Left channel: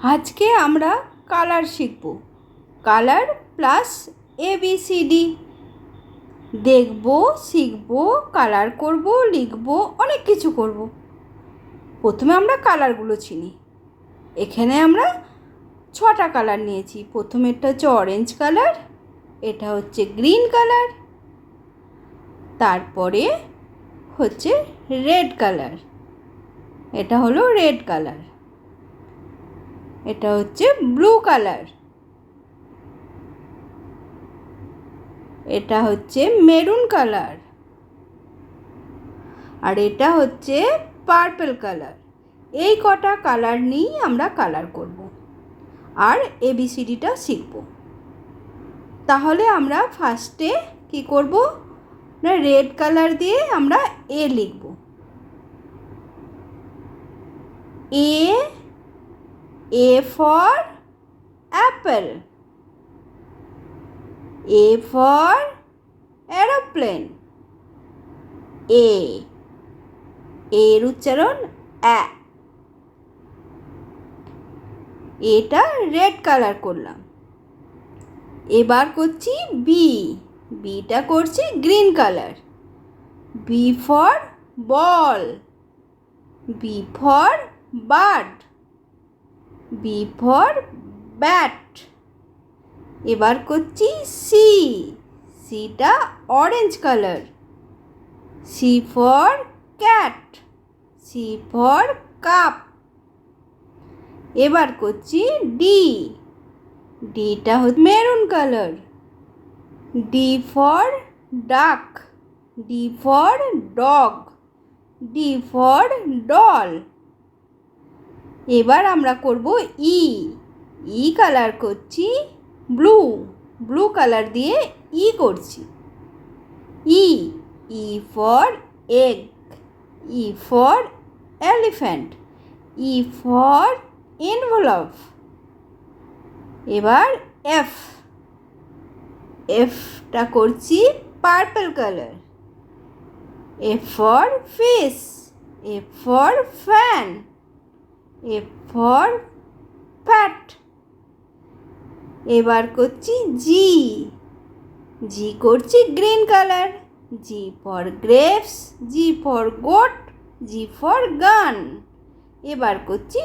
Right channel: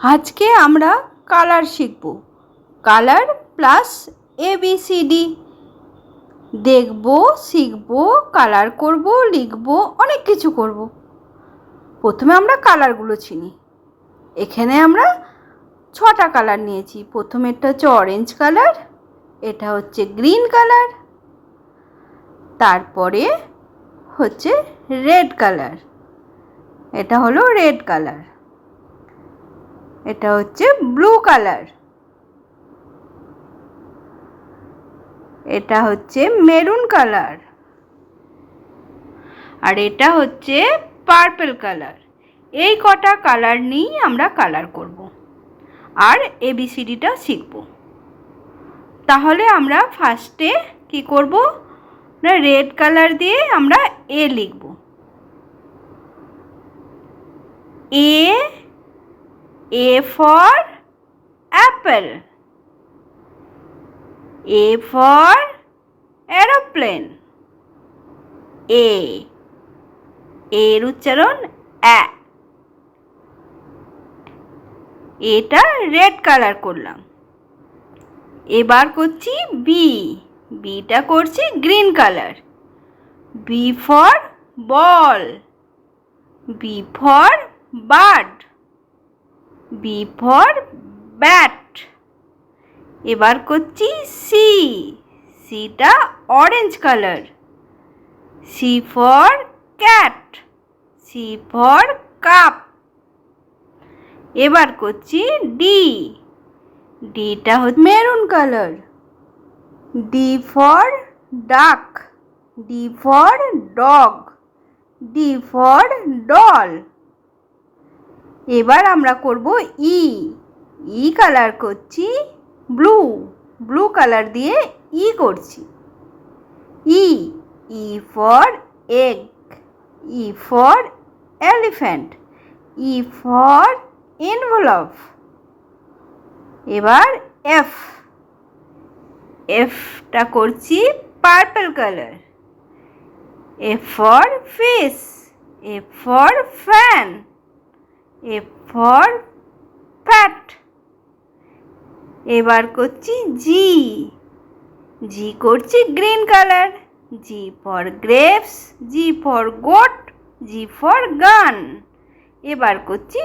আজকে আমরা কালার শিখব। কালার প্লাস ABCD দেখব, শিখব, কালার করব, লিখব, অনেক কিছু করব। প্রথমে আমরা কালারগুলো চিনি। এখানে আমরা 6টা কালার নিয়েছি। প্রথমেরটা হচ্ছে অরেঞ্জ কালার, এটা হচ্ছে গ্রিন কালার, তারপরে হচ্ছে রেড কালার, এটা হলো রেড কালার, এটা হচ্ছে ব্লু কালার, এটা হচ্ছে মেরুন কালার, আর এটা হচ্ছে পার্পল কালার। এই কটা কালার নিয়েই আমরা কালার করব আর ABCDটা শিখব। তাহলে আমরা ফার্স্টে কি করব না, রেড কালার দিয়ে আমরা A লিখব। A for apple, A for aeroplane, এর উচ্চারণ অ্যা। এটা রেড কালার করলাম। এবার করছি বিটা করছি green colour. B for ball, B for bird, B for bat. এবার করছি সিটা orange colour. C for cat, C for cup. এবার করছি ডিটা হচ্ছে maroon colour. D for duck, D for dog, D for doll. এবার আমরা করব ই কালার করছি ব্লু কালার দিয়ে করছি। E for egg, E for elephant, E for envelope। এবার এফটা করছি purple colour. F for fish, F for fan, F for fat. এবার করছি জি করছি green colour. G for grapes, G for goat, G for gun. এবার করছি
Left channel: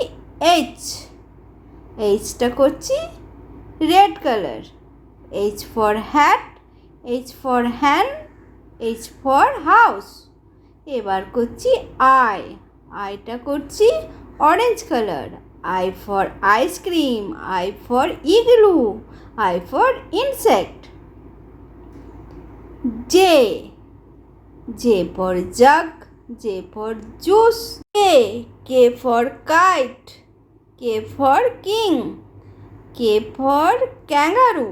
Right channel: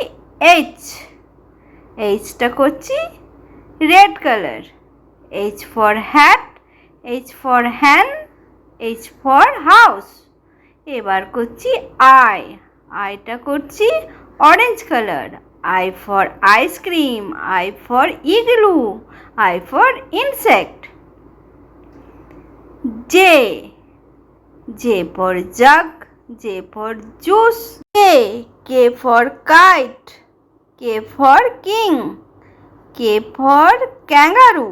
এইচটা করছি red colour. H for hat, H for hen, H for house. এবার করছি আইটা করছি orange colour. I for ice cream, I for igloo, I for insect. J for jug, J for juice. K for kite, K for king, K for kangaroo.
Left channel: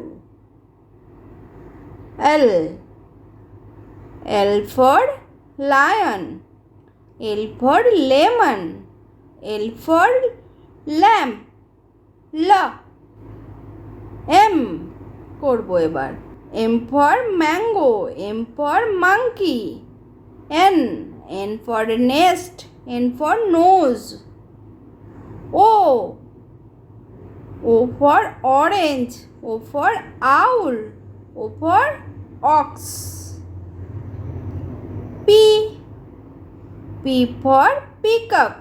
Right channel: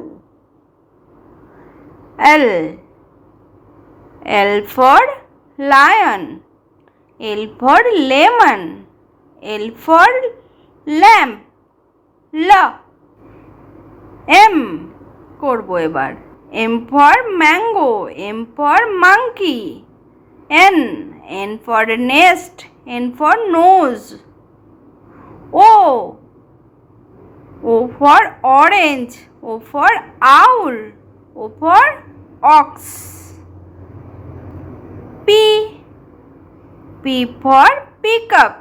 L for lion, L for lemon, L for lamp. M করব এবার। M for mango, M for monkey. N for nest, N for nose. O for orange, O for owl, O for ox. P for peacock,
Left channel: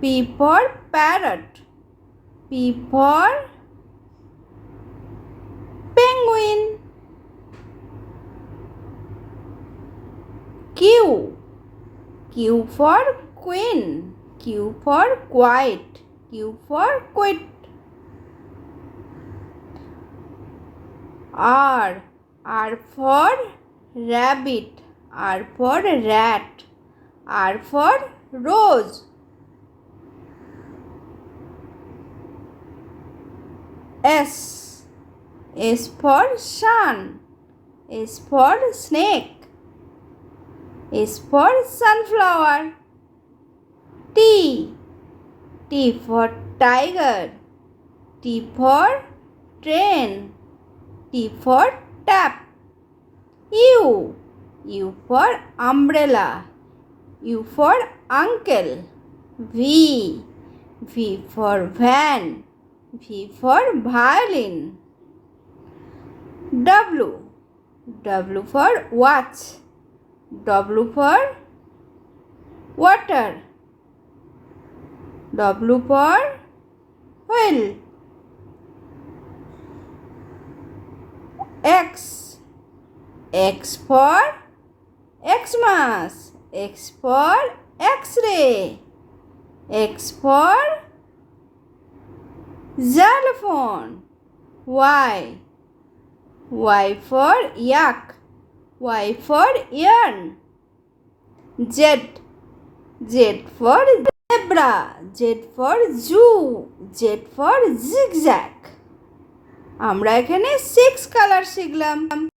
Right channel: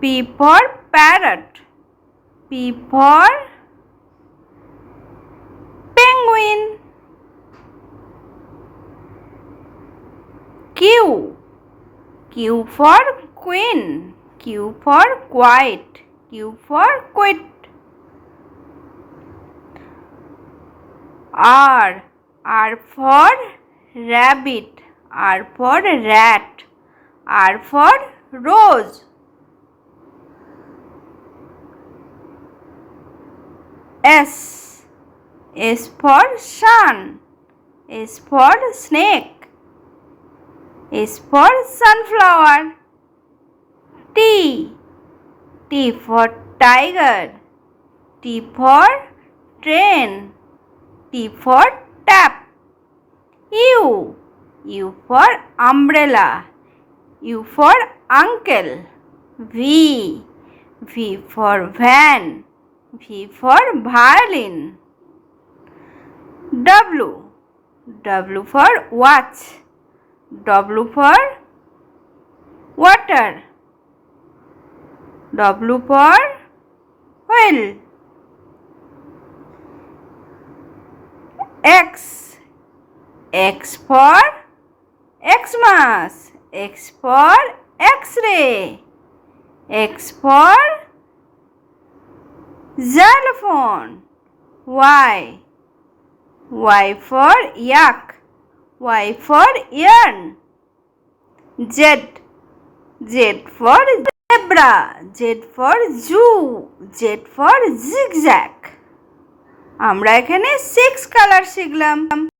P for parrot, P for penguin. Q for queen, Q for quiet, Q for quit. R for rabbit, R for rat, R for rose. S for sun, S for snake, S for sunflower. T for tiger, T for train, T for tap. U for umbrella, U for uncle, V. V for van. V for violin. W. W for watch. W for water. W for whale. X. X for Xmas. X for X-ray. X for xylophone. Y. Y for yak. Y for yarn. Z. Z for zebra. Z for zoo. Z for zigzag. আমরা এখানে 6 colour শিখলাম।